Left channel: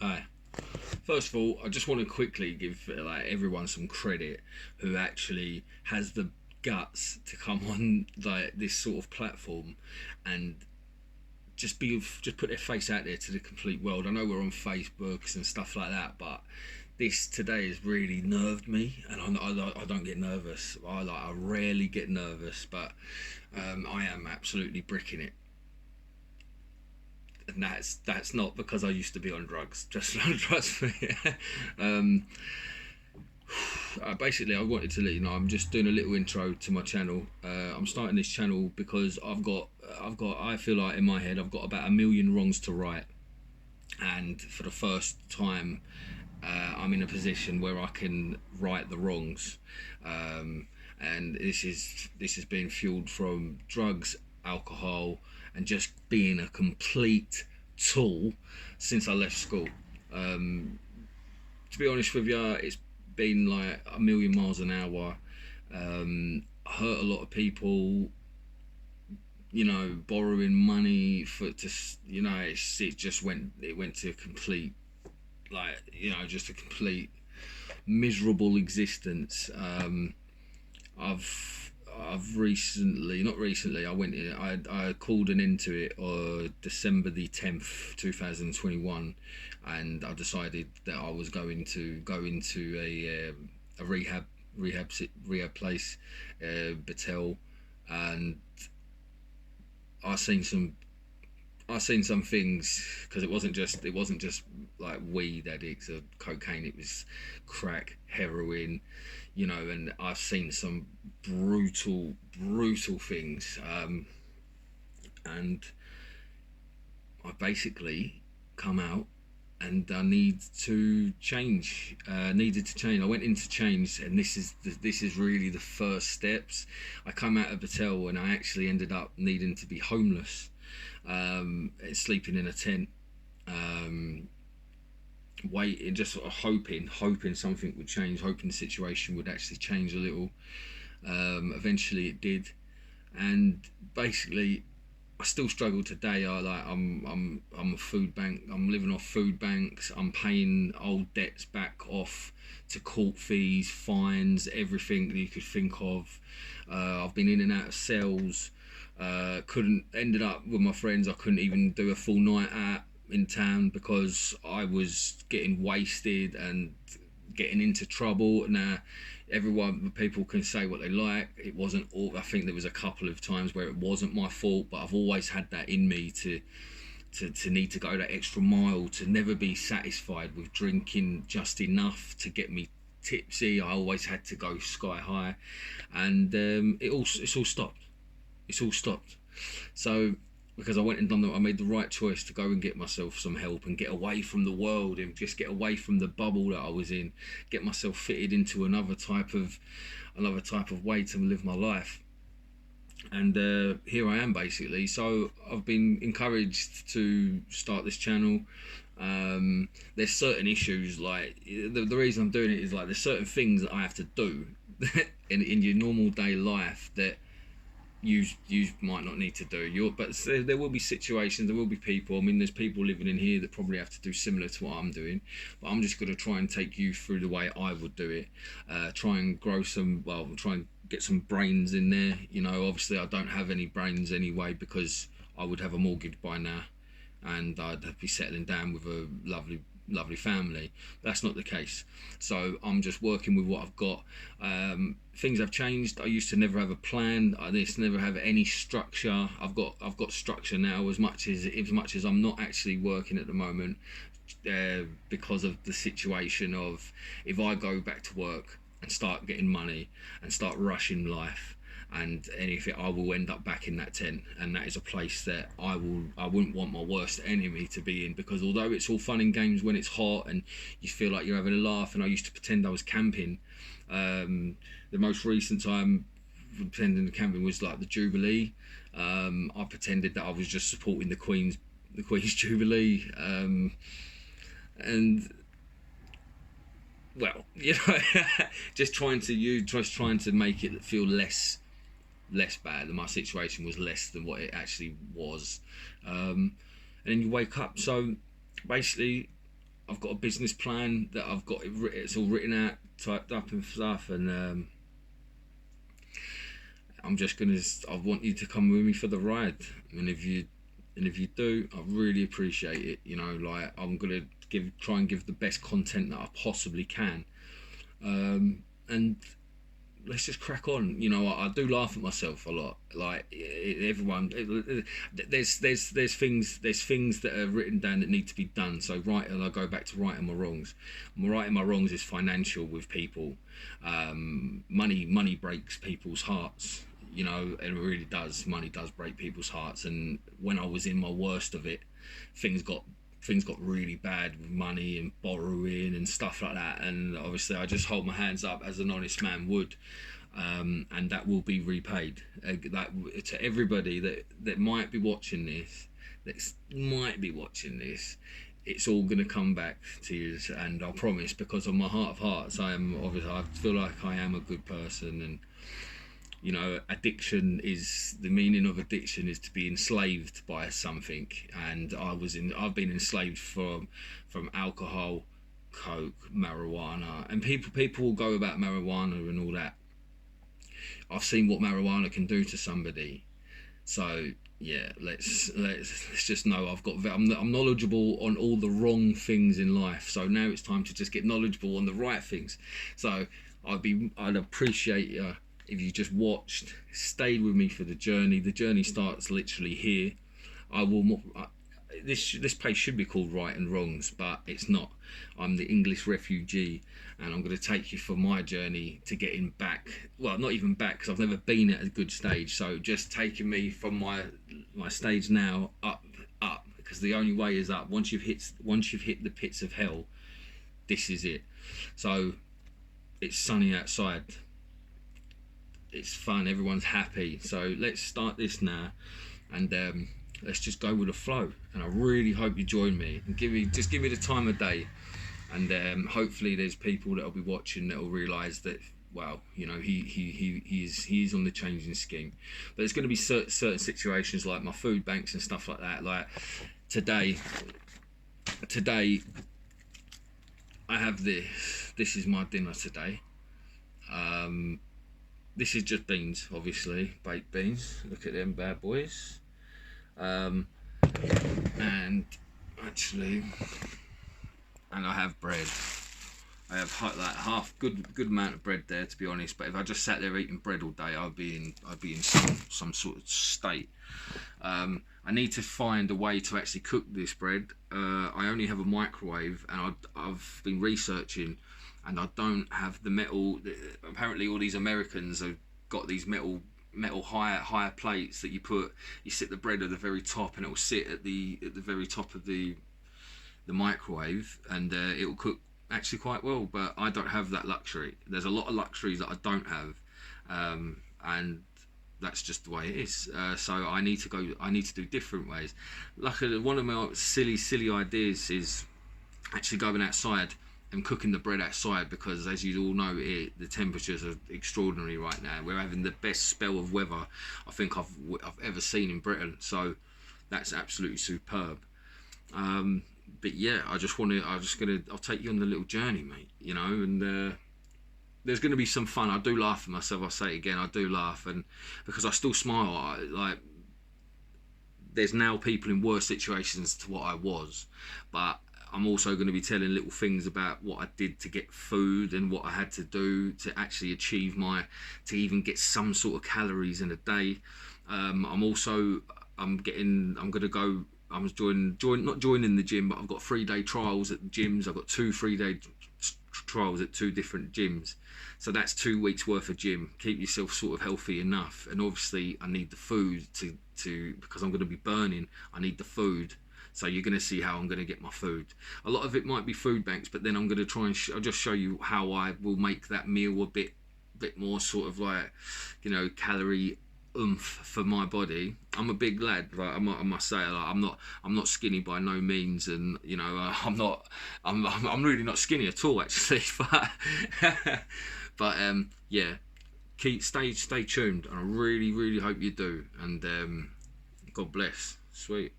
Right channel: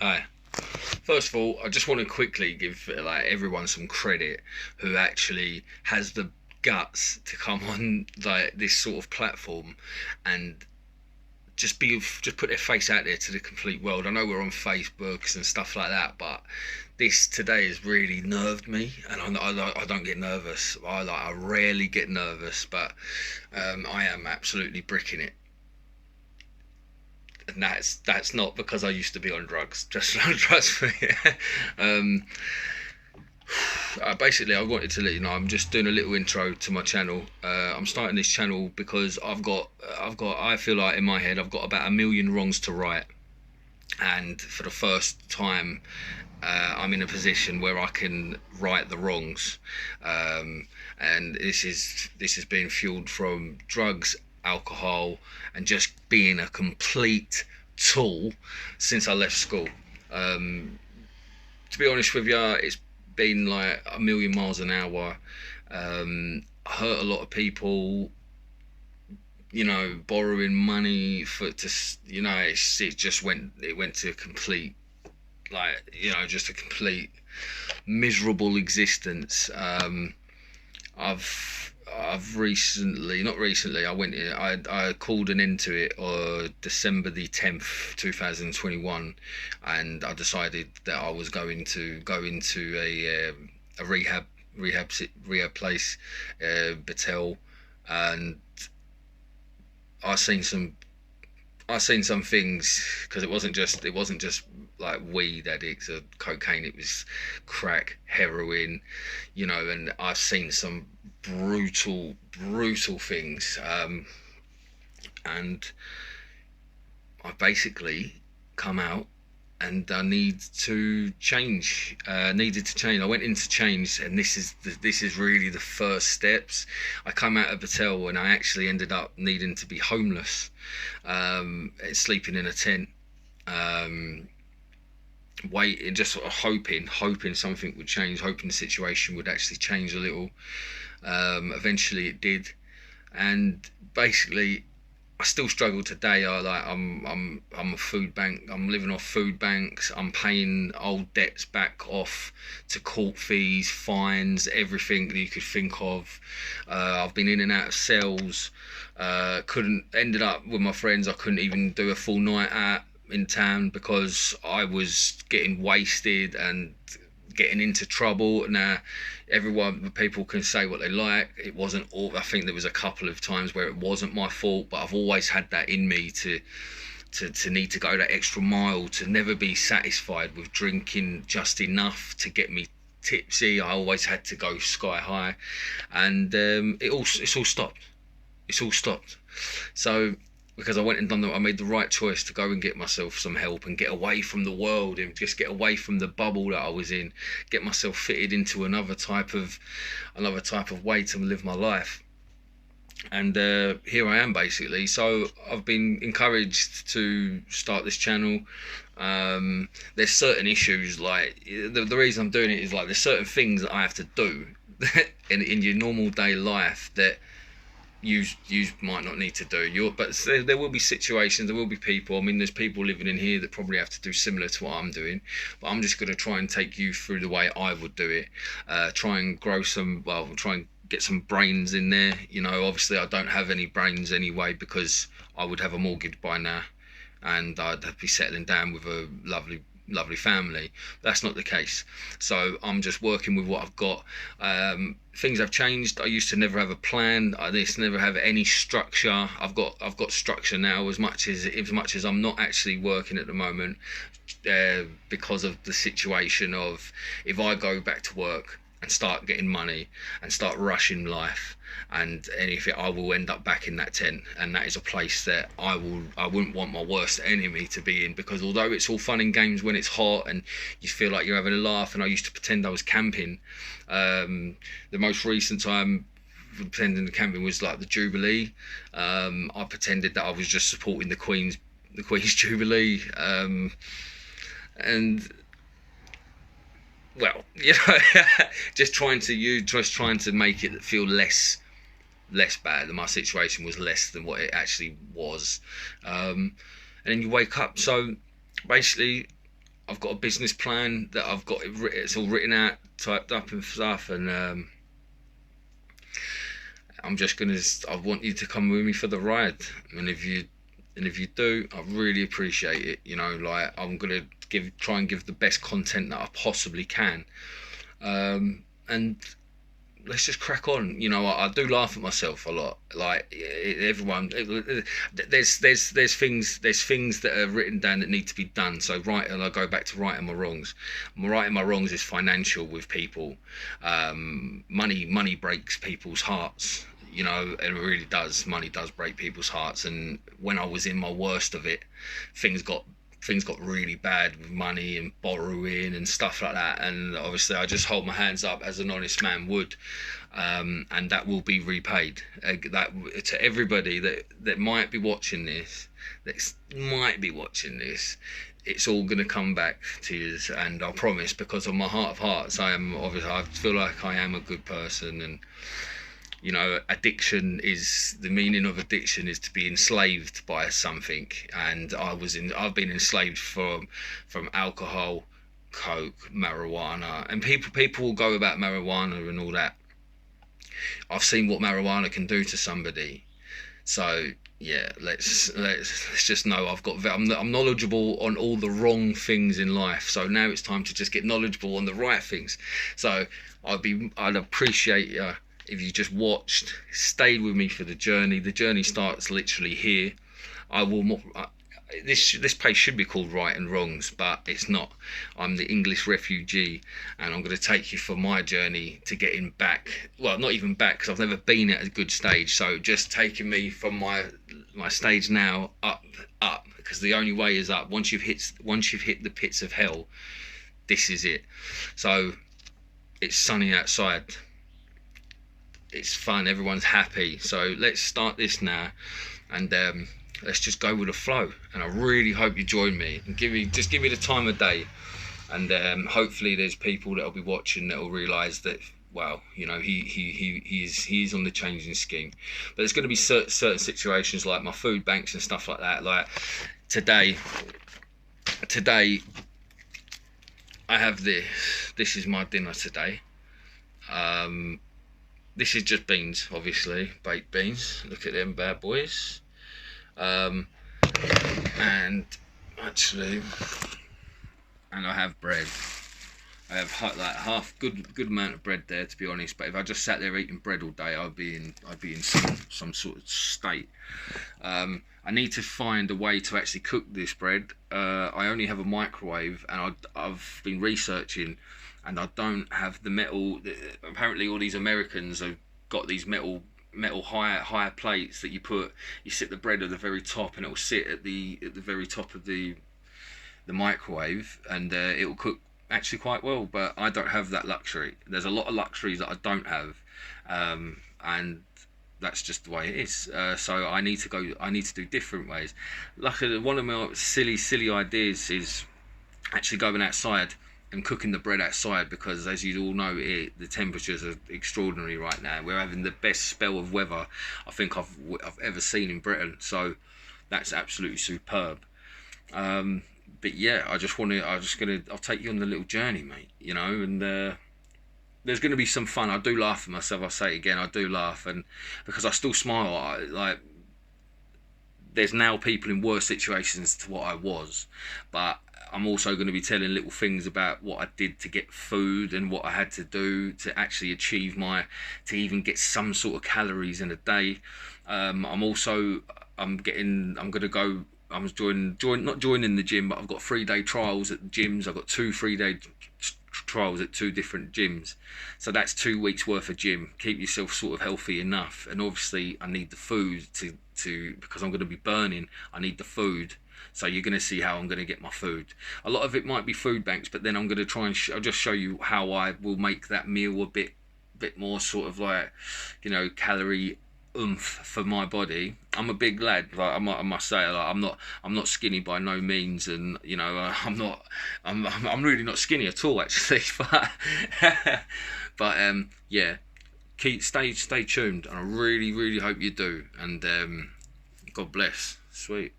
Hi. First of all, I just want to quickly give everyone some credit who actually has the guts to come on this sort of platform and just put their face out there to the complete world. I know we're on Facebooks and stuff like that, but this today has really nerved me, and I don't get nervous. I rarely get nervous, but I am absolutely bricking it. And that's not because I used to be on drugs. Just trust me. um, Basically, I wanted to let you know I'm just doing a little intro to my channel. I'm starting this channel because I feel like in my head I've got about a million wrongs to right, and for the first time, I'm in a position where I can right the wrongs. And this is being fueled from drugs, alcohol, and just being a complete tool since I left school. To be honest with you, it's been like a million miles an hour. Hurt a lot of people. Borrowing money it went to a complete, just a complete miserable existence. I've recently, not recently, I called an end to it on December the 10th, 2021, and I decided that I was going to go into a rehab place, Battelle, and I seen some I seen some things, because it wasn't just like weed addicts or cocaine. It was crack, heroin, and I've seen some brutal things. And I basically come out, and I needed to change. I went into change, and this is really the first steps. I come out of Battelle, and I actually ended up needing to be homeless, sleeping in a tent, waiting, just sort of hoping something would change, hoping the situation would actually change a little. Eventually, it did, and basically, I still struggle today. I'm a food bank. I'm living off food banks. I'm paying old debts back off to court fees, fines, everything that you could think of. I've been in and out of cells. Couldn't Ended up with my friends. I couldn't even do a full night out in town because I was getting wasted and getting into trouble. Now, people can say what they like. It wasn't all. I think there was a couple of times where it wasn't my fault, but I've always had that in me to need to go that extra mile, to never be satisfied with drinking just enough to get me tipsy. I always had to go sky high, and it's all stopped. It's all stopped. So, because I made the right choice to go and get myself some help and get away from the world and just get away from the bubble that I was in, get myself fitted into another type of way to live my life. And here I am, basically. So I've been encouraged to start this channel. There's certain issues, like the reason I'm doing it is, like, there's certain things that I have to do in your normal day life that you might not need to do. But there will be situations, there will be people. I mean, there's people living in here that probably have to do similar to what I'm doing, but I'm just going to try and take you through the way I would do it. Try and try and get some brains in there. Obviously I don't have any brains anyway, because I would have a mortgage by now, and I'd be settling down with a lovely family. That's not the case. So I'm just working with what I've got. Things have changed. I used to never have a plan. I used to never have any structure. I've got structure now, as much as I'm not actually working at the moment, because of the situation of, if I go back to work and start getting money and start rushing life and anything, I will end up back in that tent, and that is a place that I wouldn't want my worst enemy to be in, because although it's all fun and games when it's hot and you feel like you're having a laugh, and I used to pretend I was camping. The most recent time pretending to camping was like the Jubilee. I pretended that I was just supporting the Queen's Jubilee, and well, just trying to make it feel less bad. My situation was less than what it actually was. And then you wake up. So basically, I've got a business plan that I've got it's all written out, typed up and stuff, and I want you to come with me for the ride, and if you do, I really appreciate it. You know, like, I'm gonna try and give the best content that I possibly can, and let's just crack on. You know, I do laugh at myself a lot. Like, everyone, there's things that are written down that need to be done. So and I go back to righting my wrongs. Righting my wrongs is financial with people. Money breaks people's hearts. You know, and it really does. Money does break people's hearts. And when I was in my worst of it, things got really bad with money and borrowing and stuff like that. And obviously, I just hold my hands up as an honest man would, and that will be repaid. That to everybody that might be watching this, it's all going to come back to you. And I promise, because of my heart of hearts, I feel like I am a good person. And you know, the meaning of addiction is to be enslaved by something, and I've been enslaved from alcohol, coke, marijuana, and people will go about marijuana and all that. I've seen what marijuana can do to somebody, so yeah, let's just know I'm knowledgeable on all the wrong things in life. So now it's time to just get knowledgeable on the right things. So I'd appreciate you if you just watched, stayed with me for the journey. The journey starts literally here. This page should be called Right and Wrongs, but it's not. I'm the English refugee, and I'm going to take you for my journey to getting back. Well, not even back, because I've never been at a good stage. So just taking me from my stage now up, because the only way is up. Once you've hit the pits of hell, this is it. So it's sunny outside. It's fun, everyone's happy, so let's start this now, and let's just go with the flow. And I really hope you join me, and give me the time of day, and hopefully there's people that'll be watching that'll realise that, wow, you know, he's on the changing scheme. But there's going to be certain situations like my food banks and stuff like that. Like today I have this is my dinner today. This is just beans, obviously, baked beans. Look at them bad boys. And I have bread. I have good amount of bread there, to be honest. But if I just sat there eating bread all day, I'd be in some sort of state. I need to find a way to actually cook this bread. I only have a microwave, and I've been researching. And I don't have the metal. Apparently, all these Americans have got these metal higher plates that you sit the bread at the very top, and it will sit at the very top of the microwave, and it will cook actually quite well. But I don't have that luxury. There's a lot of luxuries that I don't have, and that's just the way it is. So I need to do different ways. Luckily, one of my silly ideas is actually going outside and cooking the bread outside, because as you all know, the temperatures are extraordinary right now. We're having the best spell of weather I think I've ever seen in Britain, so that's absolutely superb. But yeah, I'll take you on the little journey, mate, you know. And there's going to be some fun. I do laugh at myself, I'll say it again, I do laugh, and because I still smile, like, there's now people in worse situations to what I was, but I'm also going to be telling little things about what I did to get food and what I had to do to actually achieve to even get some sort of calories in a day. I'm not joining the gym, but I've got 3-day trials at the gyms. I've got 2 3-day trials at 2 different gyms. So that's 2 weeks worth of gym. Keep yourself sort of healthy enough. And obviously I need the food to because I'm going to be burning. I need the food. So you're going to see how I'm going to get my food. A lot of it might be food banks, but then I'm going to try and I'll just show you how I will make that meal a bit more sort of like, you know, calorie oomph for my body. I'm a big lad, like I must say, like I'm not skinny by no means, and you know, I'm really not skinny at all actually, but yeah, stay tuned, and I really hope you do, and God bless. Sweet.